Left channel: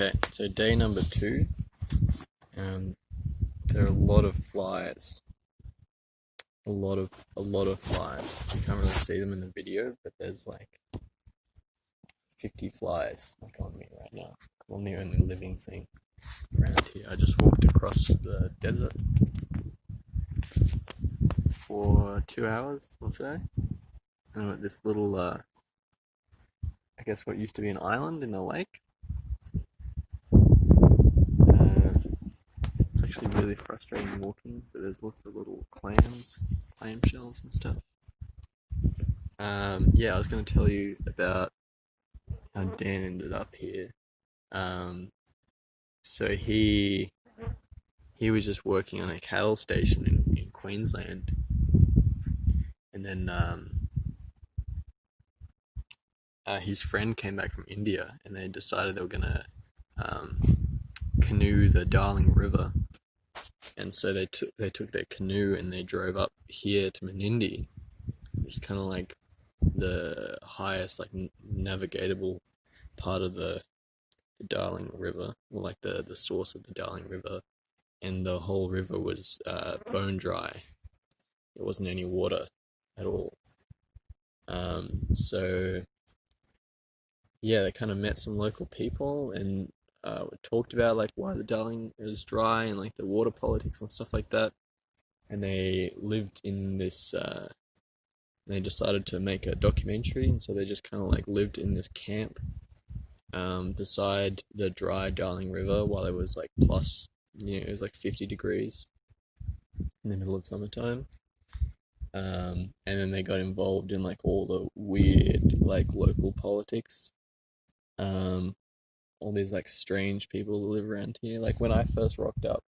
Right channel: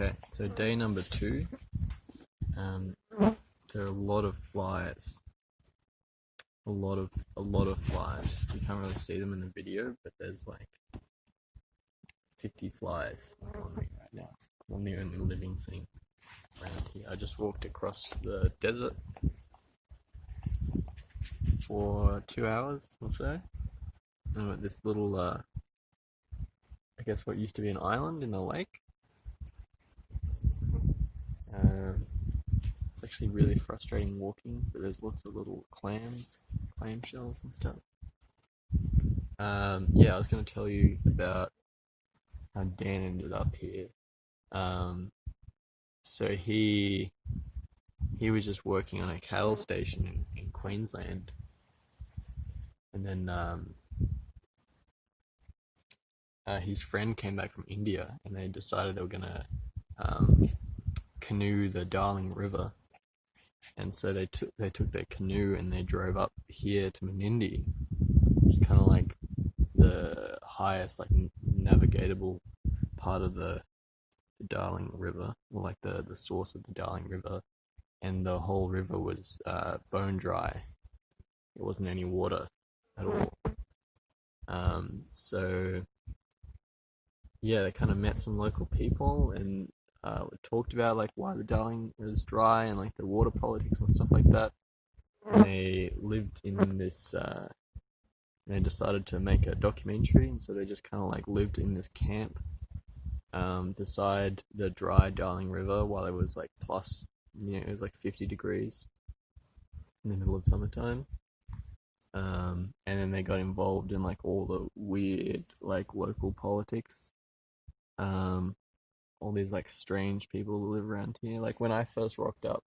Okay, so day number 2. There are a lot of flies. A lot of flies. You can't really see them in the video, but there's like 50 flies on me right now. I'm the only living thing around here. I just walked across the desert for 2 hours or so. And I'm at this little, I guess what used to be an island in a lake. It's actually really frustrating walking, but there's lots of little clams, clam shells and stuff. Yeah, I was going to tell you about how Dan ended up here. So he was just working on a cattle station in Queensland, and then his friend came back from India, and they decided they were gonna canoe the Darling River, and so they took their canoe and they drove up here to Menindee, which is kind of like the highest like navigatable part of the Darling River, or like the source of the Darling River, and the whole river was bone dry. There wasn't any water at all. So yeah, they kind of met some local people and talked about like why the Darling is dry and like the water politics and stuff like that. And they lived in this. They decided to make a documentary, and so they just kind of like lived in this camp beside the dry Darling River while it was like plus, it was like 50 degrees in the middle of summertime. And then they got involved in like all the weird like local politics. All these like strange people who live around here. Like when I first rocked up,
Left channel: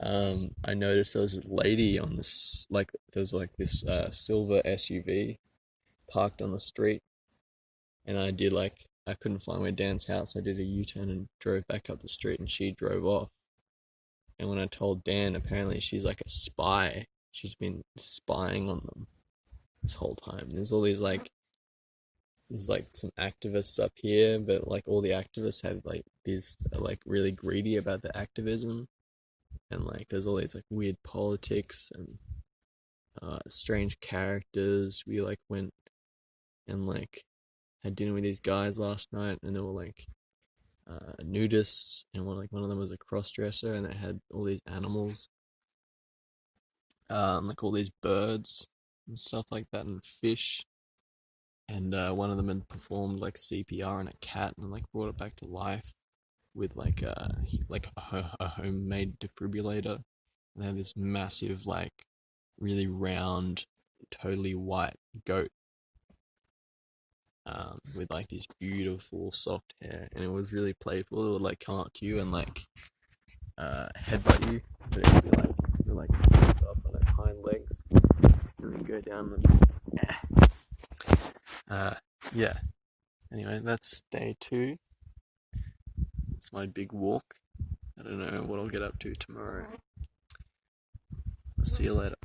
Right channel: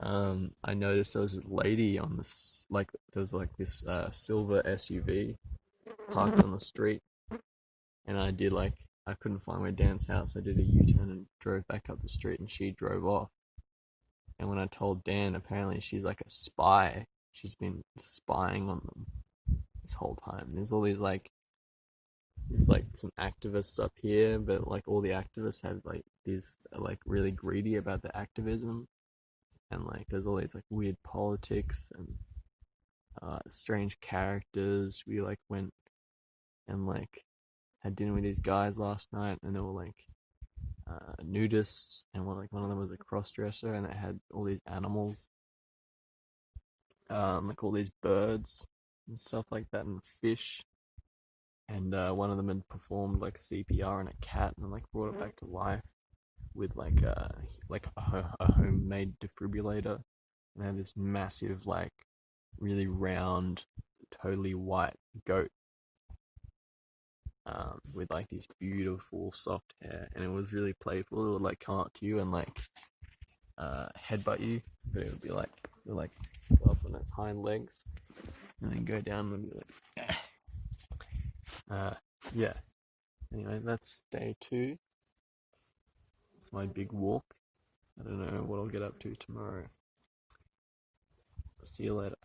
I noticed there was this lady on this, like there was like this silver SUV parked on the street, and I couldn't find my Dan's house. I did a U-turn and drove back up the street, and she drove off. And when I told Dan, apparently she's like a spy. She's been spying on them this whole time. There's all these like some activists up here, but like all the activists have like these are like really greedy about the activism, and like there's all these like weird politics and strange characters. We like went and like had dinner with these guys last night, and they were like nudists, and one of them was a cross-dresser, and they had all these animals, like all these birds and stuff like that, and fish. And one of them had performed like CPR on a cat and like brought it back to life with like a homemade defibrillator. And they had this massive, like really round, totally white goat with like this beautiful soft hair, and it was really playful. It would like come up to you and like headbutt you, but it would be like up on its hind legs and then go down and yeah. Anyway, that's day 2. It's my big walk. I don't know what I'll get up to tomorrow. See you later.